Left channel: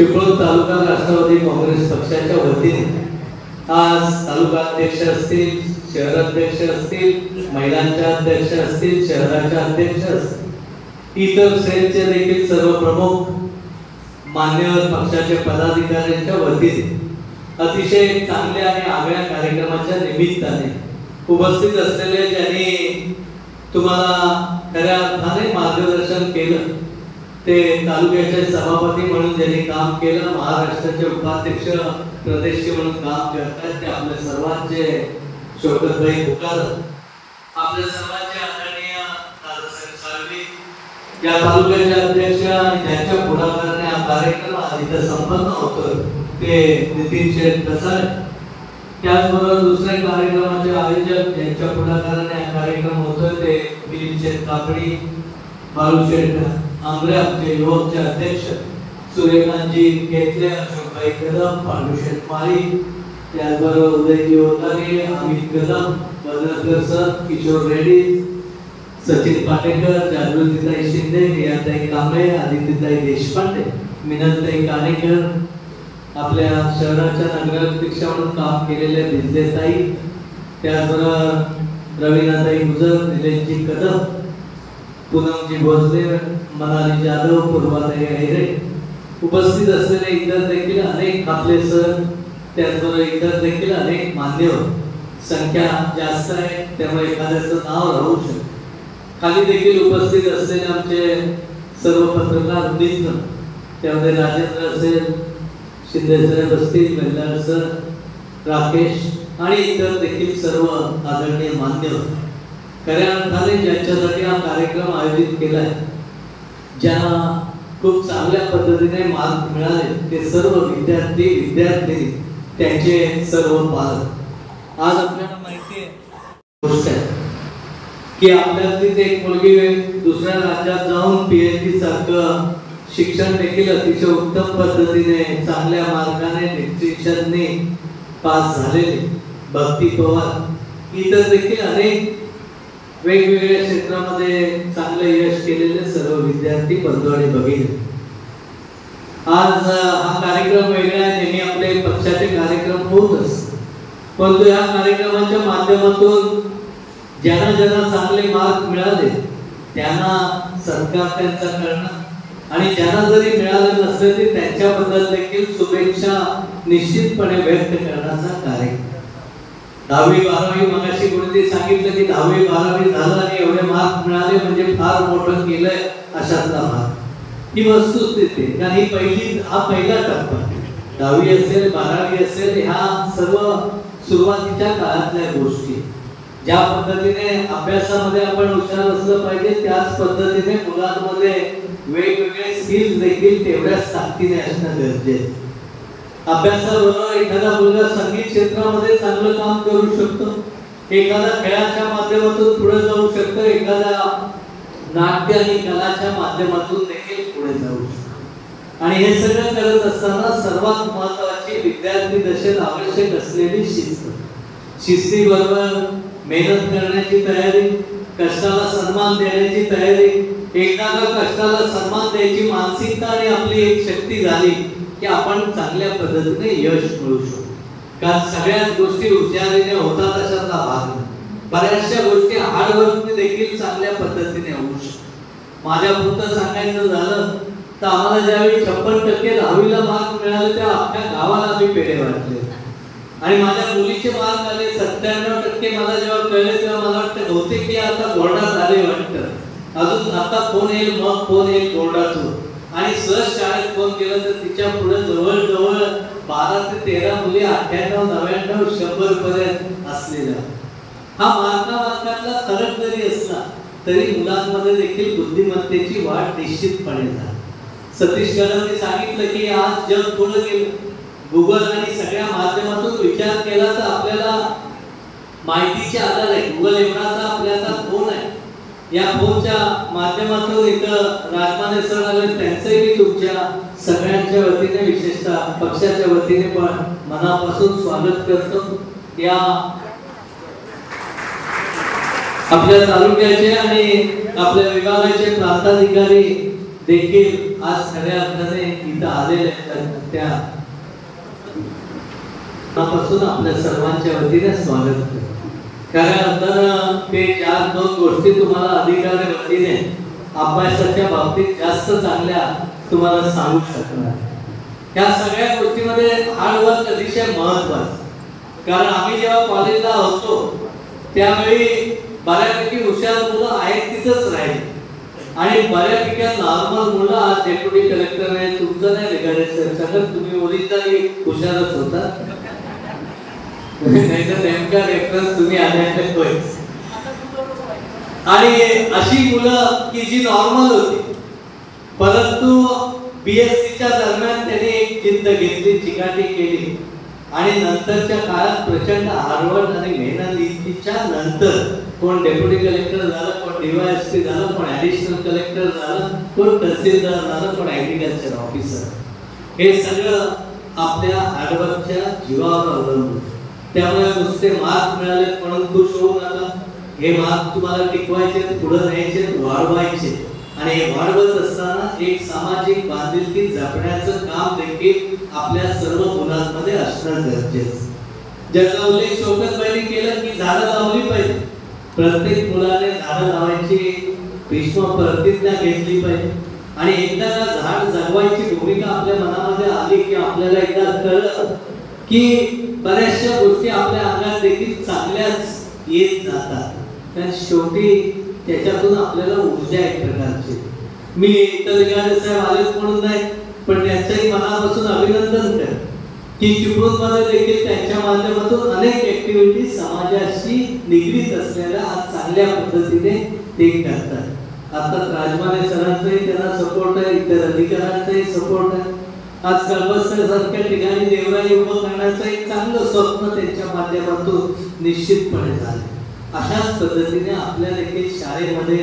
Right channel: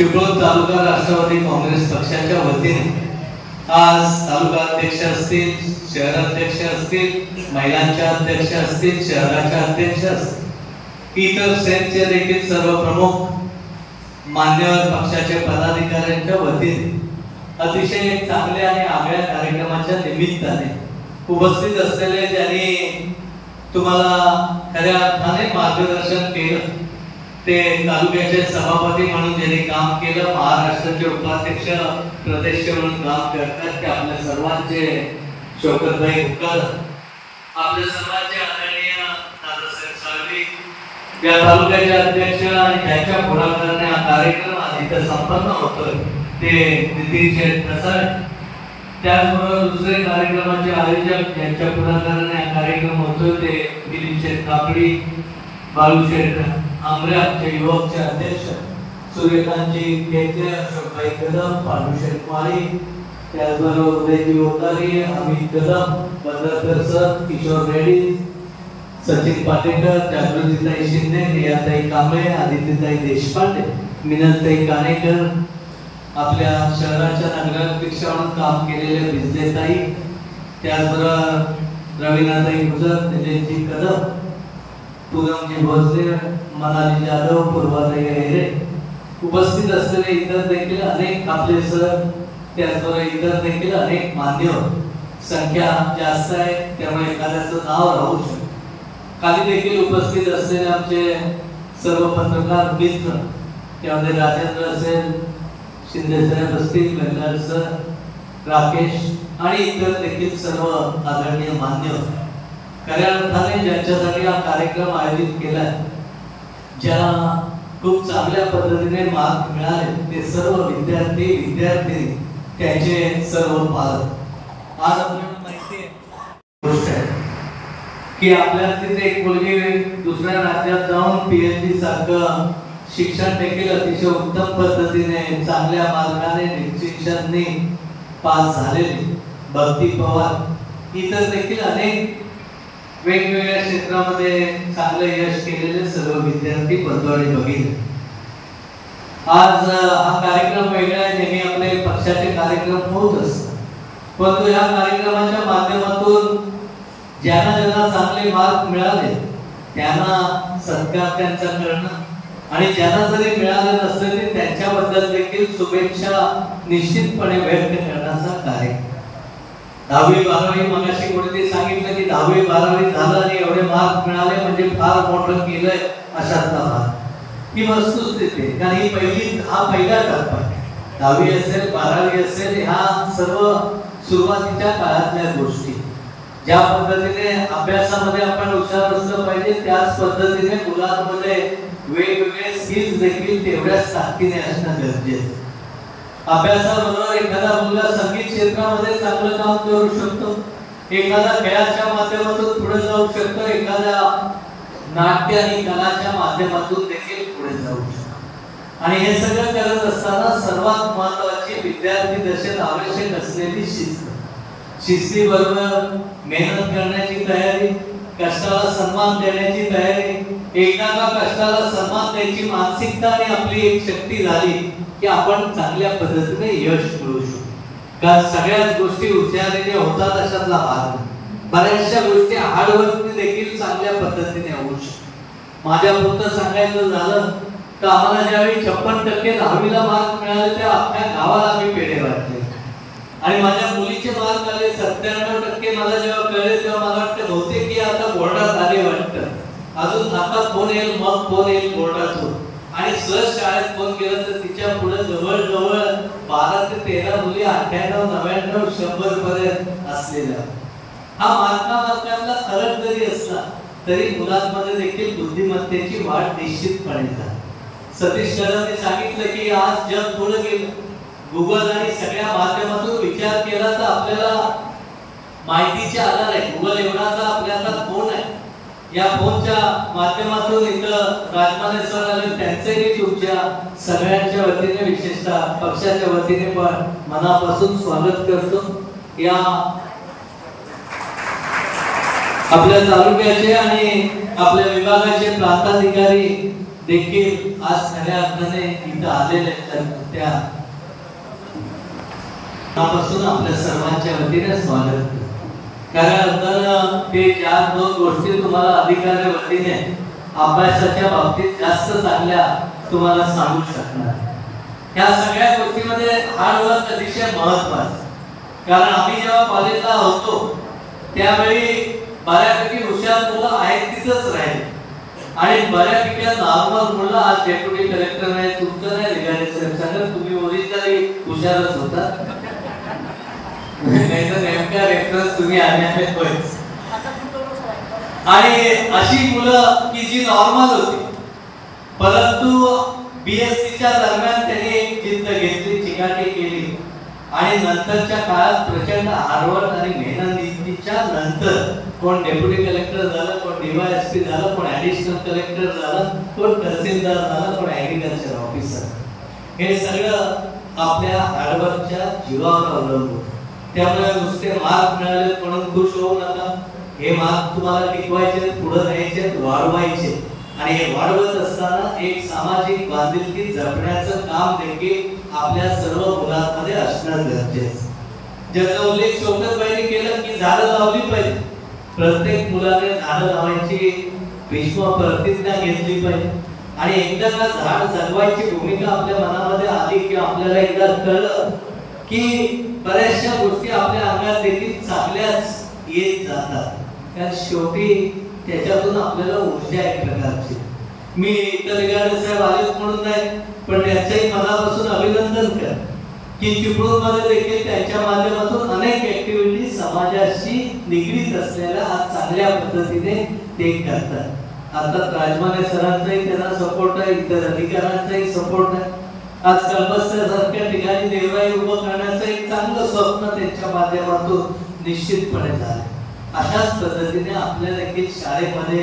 चिपळूण तालुका राष्ट्रवादी काँग्रेस पक्षाच्या वतीने आज तालुका अध्यक्ष असतील, शहराध्यक्ष असतील, महिलांचे अध्यक्ष असतील, शहराचे अध्यक्ष असतील, इतर सेलचे देखील सर्व प्रमुख मान्यवर पक्षाच्या पदाधिकाऱ्यांच्या वतीने अतिशय चांगल्या आणि आगळ्या कार्यक्रमाच्या निमित्ताने उपस्थित असलेले ज्यांनी तुम्हाला खऱ्या अर्थाने मार्गदर्शन केलं, ते तालुक्याचे सभापती म्हणून ज्यांनी काम केलं, महाराष्ट्राचे उपाध्यक्ष प्रदेश म्हणून काम करतात, ते आपल्या सर्वांचे शौकतभाई हुकर, आपल्या सर्वांचे आदरणीय दादासाहेब साळवी, या तालुक्याचे अध्यक्ष, यांच्या पुढाकाराने हा कार्यक्रम आज इथे संपन्न होतोय, ते नितीन शेठ कसाळ. त्याचबरोबर दुसऱ्या कार्यक्रमाचे आयोजक यांच्या पुढाकाराने हा कार्यक्रम होतोय, ते दिलीप शेठ काकडी, बाळू शेठ आमरे, आमचे युवकचे अध्यक्ष सूर्यकांतजी केतले, अशोकभाई कदम, बाळू शेठ माळी, त्याचबरोबर उदयजी ओतारी, अमित कदम, बदलकर सर, किशोर रेड्डी, सचिन पाटेकर, जागृतीताई शिंदे, रियाताई कांबळे, आदित्यताई देशपांडे, मिनलताई कानेकर, आपल्या शहराच्या नगराध्यक्ष म्हणून काम केलेले विजयताई, त्याचबरोबर रवीनाताई गुजर, निलेशजी कदम, पूनमजी भोसले, मनाली जाधव, पूर्वाताई हेरे, उपस्थित असलेले इतर देखील अनेक आपले सर, त्याचबरोबर इतर देखील अनेक मान्यवर. संख्या जास्त आहे त्यामुळे एखाद्याचं नाव राहू शकतं. खाली देखील उपस्थित असलेले आमचे सर्व पत्रकार मित्र, त्यामध्ये राजेंद्र असेल, शिंदे साहेब असतील, कल्याण सर, राकेश आणि इतर देखील सर्व आदरणीय मान्यवर. खऱ्या अर्थाने ज्यांच्यासाठी हा कार्यक्रम आयोजित केलाय, ज्यांना खूप चांगल्या पद्धतीने मार्क मिळाले, ते सर्व विद्यार्थी, विद्यार्थिनी, त्यांचे सर्व पालक. आज आपल्याला माहिती आहे की आपल्यातील एक मुलगी दुसऱ्या राज्यात जाऊन PhD सारखं शिक्षण देखील अतिशय उत्तम पद्धतीने चांगल्या मार्गाने डिस्टिंक्शनने पास झालेले भक्ती पवार, इतर देखील अनेक वेगवेगळ्या क्षेत्रामध्ये चांगले यश केलेले सर्व विद्यार्थी बंधू आणि भगिनी. आज हा कार्यक्रम वेगळा आहे, नेहमी आपले पक्षाचे कार्यक्रम होत असतात, परंतु या कार्यक्रमाच्या माध्यमातून ज्यांना ज्यांना चांगले मार्क मिळाले त्यांना सत्कार त्यांचा करणं, आणि ज्यांना जरी मिळाले नसले तरी त्यांच्याबद्दल देखील शुभेच्छा निश्चितपणे व्यक्त करण्याचा कार्यक्रम. 10वी 12वी मगाशी कोणीतरी सांगितलं की 10वी 12वी झालं आणि एवढे मार्क मिळाले म्हणजे फार मोठं केलंय, अशातला भाग ही वस्तुस्थिती आहे. कारण हा पहिला टप्पा, 10वी असेल 12वी असेल, ह्या सर्व सुरुवातीच्या काळातल्या गोष्टी. ज्या पद्धतीने अभ्यासामध्ये आपण हुशार असलं पाहिजे, त्याच पद्धतीने मुलांमध्ये वेगवेगळे स्किल्स देखील तेवढ्याच ताकदीने असणं गरजेचं. अभ्यासाबरोबर एखादा मुलगा संगीत क्षेत्रामध्ये चांगलं काम करू शकतो, एखादा खेळाच्या माध्यमातून पुढे जाऊ शकतो, एखादा नाट्य आणि कलाच्या माध्यमातून देखील पुढे जाऊ शकतो. आणि हे सगळं करत असताना सर्वात महत्त्वाची विद्यार्थी दशेत आवश्यक असलेली शिस्त. शिस्तीबरोबर मेहनत करण्याची तयारी, कष्टाला सन्मान देण्याची तयारी. एकदा का कष्टाला सन्मान द्यायची मानसिकता आणि आपली एक शक्ती झाली की आपण चांगल्या पद्धतीने यश मिळवू शकतो. कारण सगळ्याच गोष्टी हुशारीने होतात अशातला भाग. बऱ्याचशा गोष्टी हार्डवर्कने देखील चांगल्या पद्धतीने होऊ शकतात. माझ्या पुरतं सांगायचं झालं तर आम्हाला ज्यावेळी 56% 10वीला मार्क मिळाले तेव्हा अख्ख्या गावाला आम्ही पेढे वाटले, आणि माझ्या मुलीचे मार्क आले 97%. मला जेव्हा कळले तेव्हा मला वाटतं बहुतेक की आता बोर्डात आले वाटतं, अजून आता फोन येईल, मग फोन येईल बोर्डातून. आणि सहज शाळेत फोन केला तर तिच्या पुढे जवळजवळ 12 ते 13 मुली 98, 99, 100 पर्यंत असलेल्या. हा मार्कातला फरक जरी असला तरी मुलांमध्ये देखील बुद्धिमत्तेची वाढ निश्चितपणे झाली. सतीश कदमने सांगितलं की आज जग पुढे गेलं, गुगल आणि सगळ्या माध्यमातून विचार केला तर आपल्याला माहितीचे आधार आहे. गुगल एवढाचा आपल्याला फोन आहे, या फोनच्या माध्यमातून इथं राजमाने सर आले, त्यांचे मी तुमच्या सगळ्यांच्या वतीने विशेषतः पक्षाच्या वतीने पण मनापासून स्वागत करतो. या आपल्या तालुक्याचे आणि आपल्या विभागाचे प्रांताधिकारी देखील आज खऱ्या अर्थाने इथं आलेले त्या पासून आपल्या सर्वांच्या वतीने स्वागत करतो. खऱ्या अर्थानं ते 4-2 गोष्टी तुम्हाला अधिकारी वतीने अभ्यासाच्या बाबतीत जास्त चांगल्या तुम्हाला सांगू शकणार. या सगळ्या गोष्टीमध्ये हार्डवर्क अतिशय महत्वाचं. कारण आम्ही जेव्हा कॉलेजला होतो त्यावेळी बऱ्यापैकी हुशार मुलं आहेत तिथंच राहिले आणि बऱ्यापैकी नॉर्मल मुलं आज डेप्युटी कलेक्टर आहे. तुमचं नाही लिगायचं सगळं तुम्ही ओरिजिनली हुशारच होता. नाहीतर नेमका रेफरन्स तुम्ही आल्याने होईच. आणि अशी मुलं की जी नॉर्मल होती परंतु बीएससीच्या दरम्यान त्यांनी एक जिद्द घेतली, चिकाटी केली आणि नंतरच्या काळात प्रचंड हार्डवर्क आणि मेहनतीच्या नंतर कोण डेप्युटी कलेक्टर झालं, कोण डीवायएसपी झालं, कोण ऍडिशनल कलेक्टर झालं, कोण तहसीलदार झालं, कोण ऍग्रीकल्चर ऑफिसर. हे सगळं आपल्या हार्डवर्कच्या जीवावर अवलंबून. त्यामुळे नुसते मार्क मिळाले म्हणून खुश होऊ नका. हे मार्क तुम्हाला टिकवायचे, पुढे न्यायचे, वाढवायचे आणि हे वाढवत असताना एक सामाजिक बांधिलकी जपण्याचं काम देखील आपल्या सर्व मुलांमध्ये असणं गरजेचं. ज्याचा उल्लेख शौकतबाईंनी केला की झाडं लावली पाहिजे. प्रत्येक मुलाने झाडं लावायची भीष्म प्रतिज्ञा घेतली पाहिजे आणि एकदा का झाड जगवायची भूमिका आपल्या मनामध्ये आली की आपल्याला एकदा कळलं की बऱ्याचशा गोष्टी आपल्या अंगात देखील चांगल्याच येत जातात. कारण शेवटी त्याच्यातून आपल्याला ऊर्जा एक प्रकारची. मी इतर लिगाडे साहेब आलेच म्हणून नाही पण त्यांचंही मनापासून अभिनंदन कर की चिपळूणमध्ये देखील त्यांच्या माध्यमातून अनेक ऍक्टिव्हिटी समाजाशी निगडीत असलेल्या आज चांगल्या पद्धतीने ते करतात. आता राजमाने सरांचाही त्यांना सपोर्ट आहे, इतर अधिकाऱ्यांचाही सपोर्ट आहे. आज कळबससारख्या ठिकाणी देवराई उभं करण्याचं एक चांगलं स्वप्न त्यांच्या माध्यमातून निश्चितपणे झालं. अशाच पद्धतीने आपल्या देखील शाळेमध्ये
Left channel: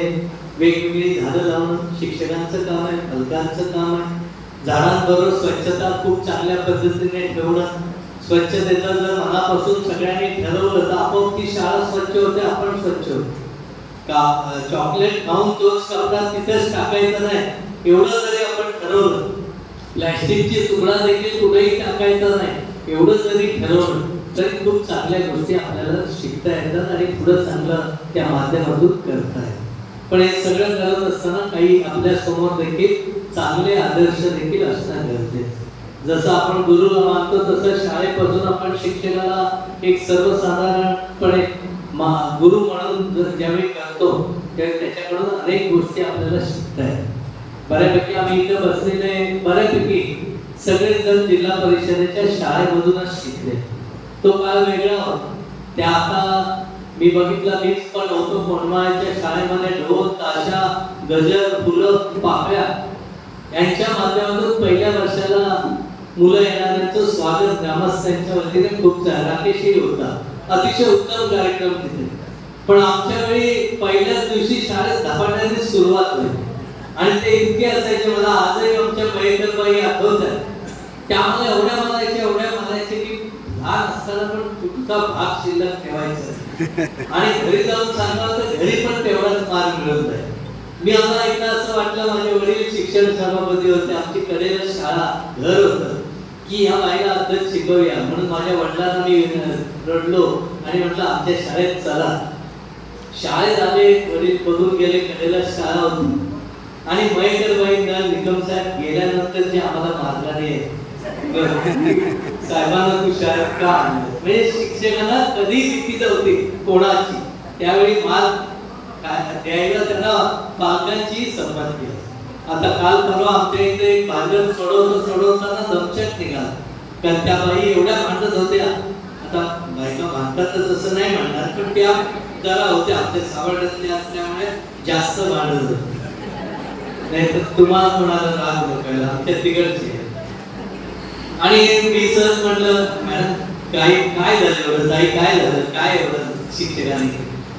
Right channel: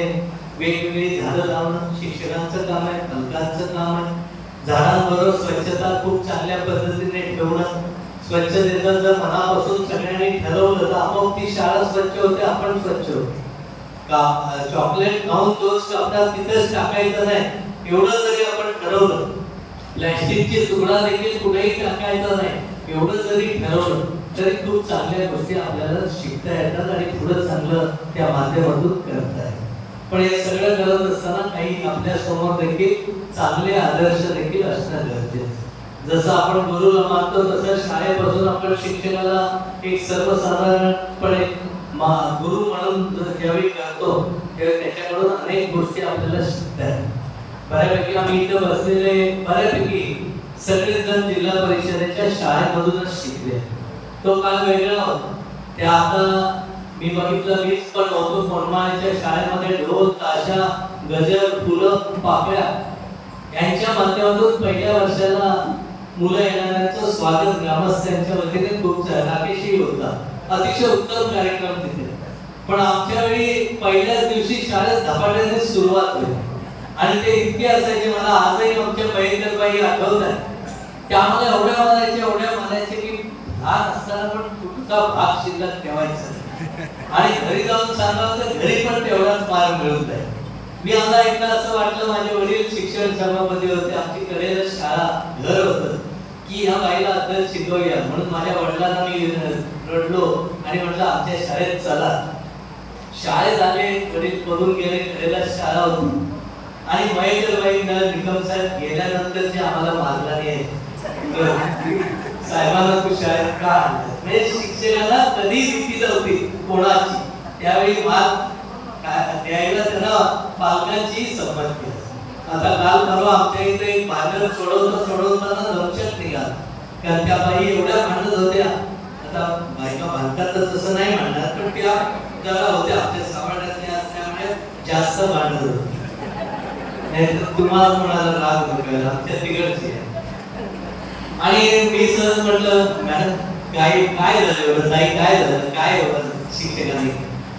वेगवेगळी झाडं लावणं शिक्षकांचं काम आहे, पालकांचं काम आहे. झाडांबरोबर स्वच्छता खूप चांगल्या पद्धतीने ठेवणं. स्वच्छतेचं जर मनापासून सगळ्यांनी ठरवलं तर आपोआप ती शाळा स्वच्छ होते, आपण स्वच्छ होतो. चॉकलेट खाऊन तोच कपडा तिथेच टाकायचा नाही एवढं जरी आपण ठरवलं, प्लॅस्टिकची तुकडा देखील कुठेही टाकायचा नाही एवढं जरी ठरवलं तरी खूप चांगल्या गोष्टी आपल्याला शिकता येतात आणि पुढे चांगलं त्या माध्यमातून करता येतं. पण हे सगळं करत असताना काही आपल्या समोर देखील चांगले आदर्श देखील असणं गरजेचं. जसं आपण गुरुला मानतो तसं शाळेपासून आपण शिक्षणाला एक सर्वसाधारणपणे गुरु म्हणून ज्यावेळी करतो त्यावेळी त्याच्याकडून अनेक गोष्टी आपल्याला शिकता येतात. बऱ्यापैकी आम्ही इथं बसलेले बऱ्यापैकी सगळेजण जिल्हा परिषदेच्या शाळेमधूनच शिकले. तो काळ वेगळा होता. त्या आता मी बघितलं, मीच पण होतो मनमाळच्या शाळेमध्ये ढोल ताशा गजर फुलं पाकळ्या यांच्या माध्यमातून पहिल्या वर्षाला मुलं येणाऱ्यांचं स्वागत ग्रामस्थांच्या वतीने खूप राकेशी होता. अतिशय उत्तम कार्यक्रम तिथे. पण आमच्या वेळी पहिल्याच दिवशी शाळेत धपाट्याने सुरुवात होईल आणि ते इतके असायचे, मला आजही आमच्या बाई आठवतात. त्या आम्हाला एवढ्या मारायचे की लहान असताना पण तुमचा भाग शिल्लक ठेवायचा आणि घरी जाऊन सांगाल तर घरी पण तेवढाच मार मिळत आहे. मी आता एकदा असं वाटलं, माझे वडील शिक्षण सभापती होते, आमची कडेला शाळा घर होतं की ह्या बाईला अभ्यास शिकवूया म्हणून माझ्या वडिलांना मी रडलो आणि म्हटलं आमच्या शाळेत चला. शाळेत आले, वडील बघून गेले, कडेला शाळा होती आणि मयकरबाईंना निकम साहेब गेल्यानंतर जे आम्हाला मारणारे साहेबांना तू शाळेत का आणलं, म्हणजे शिक्षकांना कधी भीती नव्हती कोणाची. त्यावेळी मार्क द्यायला त्यांना पालकांची संमत केली. आता काल परवा आमच्या इथे एक भांडण सोडवताना दमछट निघाला कारण त्या बाई एवढ्या भांडत होत्या. आता बायका भांडतात तर तसं नाही म्हणणार पण त्या जरा होत्या आमच्या सावड्यातल्या असल्यामुळे जास्त भांडत होते. नाही तर तुम्हाला कोणाला राग नको, आमच्या तिकडचे. आणि मी सहज म्हटलं मॅडम काय झालं एवढं, ताई काय झालं, काय एवढं शिक्षकांनी.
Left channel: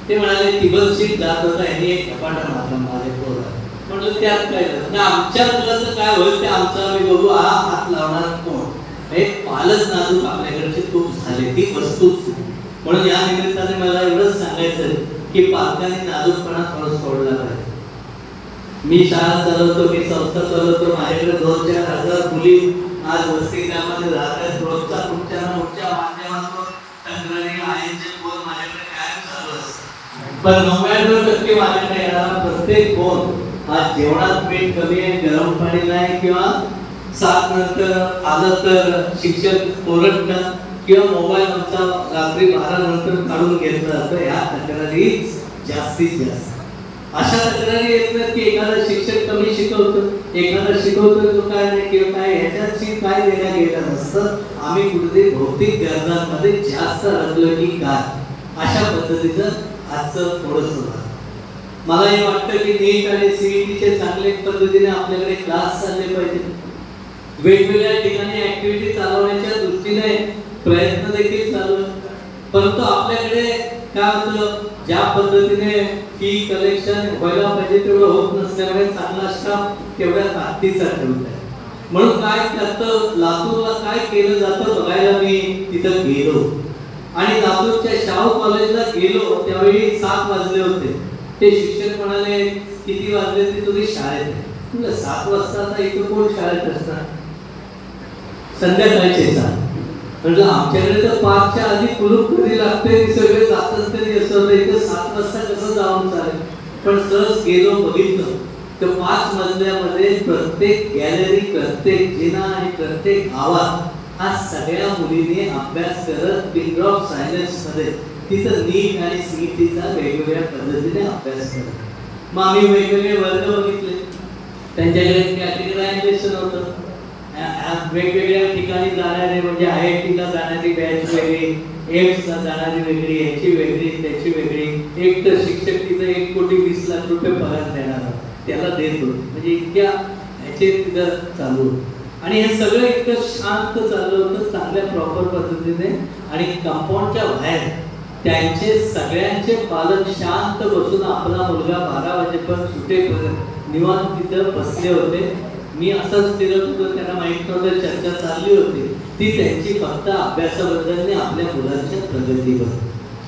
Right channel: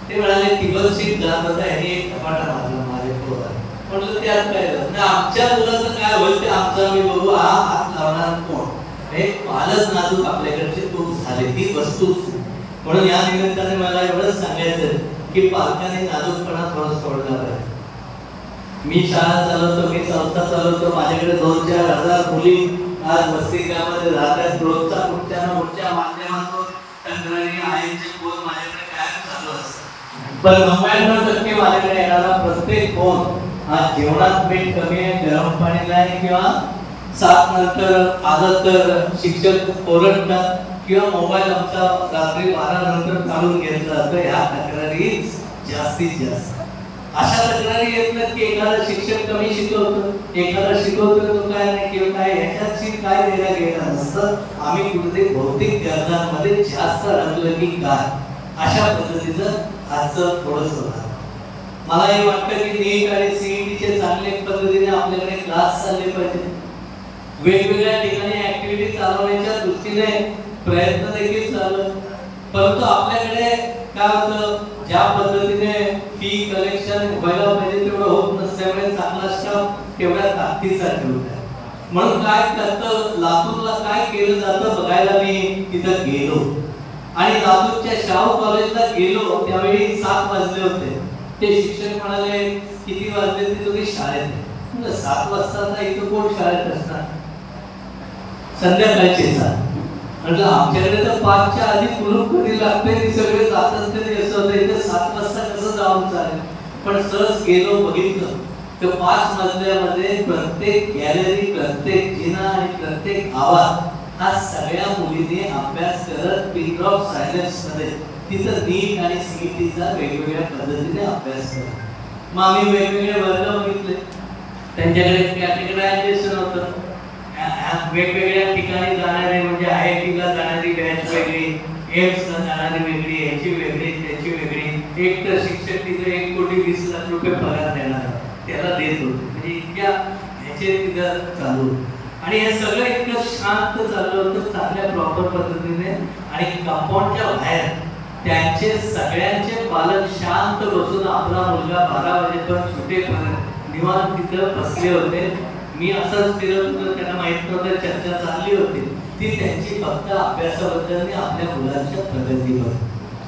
ते म्हणाले टिबल सीट जात होता याने एक कपाटा मारला माझ्या पोराला. म्हटलं त्यात काय झालं ना, आमच्या मुलाचं काय होईल ते आमचं आम्ही बघू, हा हात लावणारा कोण. हे पालक नाजूक आपल्याकडचे खूप झाले, ती वस्तूच. म्हणून या निमित्ताने मला एवढंच सांगायचं की पालकांनी नाजूकपणा थोडं सोडला पाहिजे. मी शाळा चालवतो, मी संस्था चालवतो, माझ्याकडे 2-4 हजार मुली आज वसतिगृहामध्ये राहतात. रोजचा पुढच्या माध्यमातून तक्रारी आईचे फोन माझ्याकडे कायम चालू असतात. पण 99% माझ्याकडे येणारा प्रत्येक फोन हा जेवणात मीठ कमी आहे, गरम पाणी नाही, किंवा 7 नंतर आलं तर शिक्षक ओरडतात, किंवा मोबाईल आमचा रात्री 12 नंतर काढून घेतला जातो. ह्या तक्रारीच जास्तीत जास्त. अशा तक्रारी येत नाहीत की एखादा शिक्षक कमी शिकवतो, एखादा शिकवतो तो काय नाही किंवा काय, ह्याच्याशी काय देणं घेणं नसतं. आम्ही कुठेतरी भौतिक गरजांमध्ये जास्त रंगलं की काय, अशा पद्धतीचं आजचं थोडंसं मला हे वाटतं की नीट आणि सीईटीचे चांगले पद्धतीने आपल्याकडे क्लास चालले पाहिजे. वेगवेगळ्या ठिकाणी ऍक्टिव्हिटी चालवण्याच्या दृष्टीने प्रयत्न देखील चालू आहेत. परंतु आपल्याकडे काय होतं, ज्या पद्धतीने फी कलेक्शन व्हायला पाहिजे तेवढं होत नसल्यामुळे चांगला स्टाफ तेवढ्या ताकदीचा ठेवला आहे. म्हणून काय करतं, लातूरला काय केलं जातं बघायला मी तिथं गेलो आणि लातूरच्या शाहू कॉलेजला गेलो. त्यावेळी 7 वाजले होते. ते शिक्षक म्हणाले किती वाजले ते तुम्ही शाळेत? म्हटलं 7 वाजता आता इथं कोण शाळेत असणार, संध्याकाळचे 7. म्हटलं आमच्याकडे तर 5च्या आधी कुलूप कधी लागते, सगळे जातच तरी असं होतं, इथं 7 वाजता कसं जाऊन चालेल. पण सहज गेलो, बघितलं तर 5 मजल्यामध्ये प्रत्येक गॅलरी, प्रत्येक जिना आणि प्रत्येक आवाज हा सगळ्या मुलींनी अभ्यास करत पिन ड्रॉप सायन्स मध्ये तिथं नीट आणि सीईटीचा वेगवेगळ्या पद्धतीने अभ्यास करत. मग आम्ही वेगवेगळे वर्ग बघितले, त्यांच्याकडे कॅटेगरायझेशन होतं. वेगवेगळ्या ठिकाणी जाणारे म्हणजे IIT-ला जाणारी बॅच वेगळी, एम्सला जाणारी वेगळी, याची वेगळी, त्याची वेगळी. एक तर शिक्षक तिथे 1,20,00,000 रुपये पगार देणार, त्याला देतो, म्हणजे इतक्या ह्याचे तिथं चालू. आणि हे सगळं इतकं शांत चाललं होतं, चांगल्या प्रॉपर पद्धतीने. आणि कंपाऊंडच्या बाहेर त्यांचे सगळ्यांचे पालक शांत बसून आपला मुलगा 12 वाजेपर्यंत सुटेपर्यंत निवांत तिथं बसले होते. मी असंच फिरत होतो, त्यांना माहित नव्हतं चर्चा चालली होती ती त्यांची फक्त अभ्यासाबद्दल आपल्या मुलांच्या प्रगतीवर.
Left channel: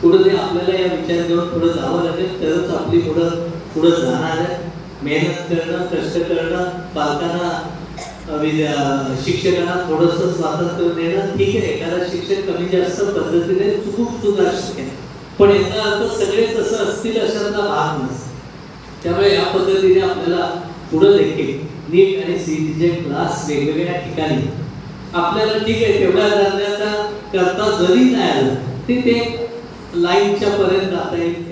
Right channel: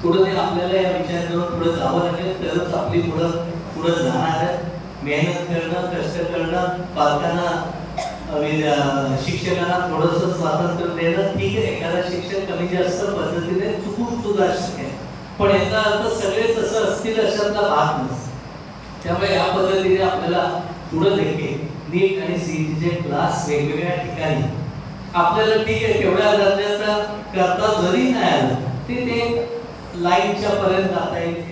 पुढे ते आपल्याला या विचार करून पुढे जावं लागेल, तरच आपली मुलं पुढे जाणार आहे. मेहनत करणं, कष्ट करणं, पालकांना शिक्षकांना थोडंसं स्वातंत्र्य देणं. ठीक आहे, एखादा शिक्षक कमी जास्त पद्धतीने चुकून सुद्धा शकेल, पण याचा अर्थ सगळेच असं असतील अशातला भाग नसतो. त्यामुळे या पद्धतीने आपल्याला पुढे देखील नीट आणि सीईटीचे क्लास वेगवेगळ्या ठिकाणी आपल्याला ठीक आहे तेवढ्या दर्जाचा करता जरी नाही आलं ते लाईनच्या पर्यंत जाता येईल.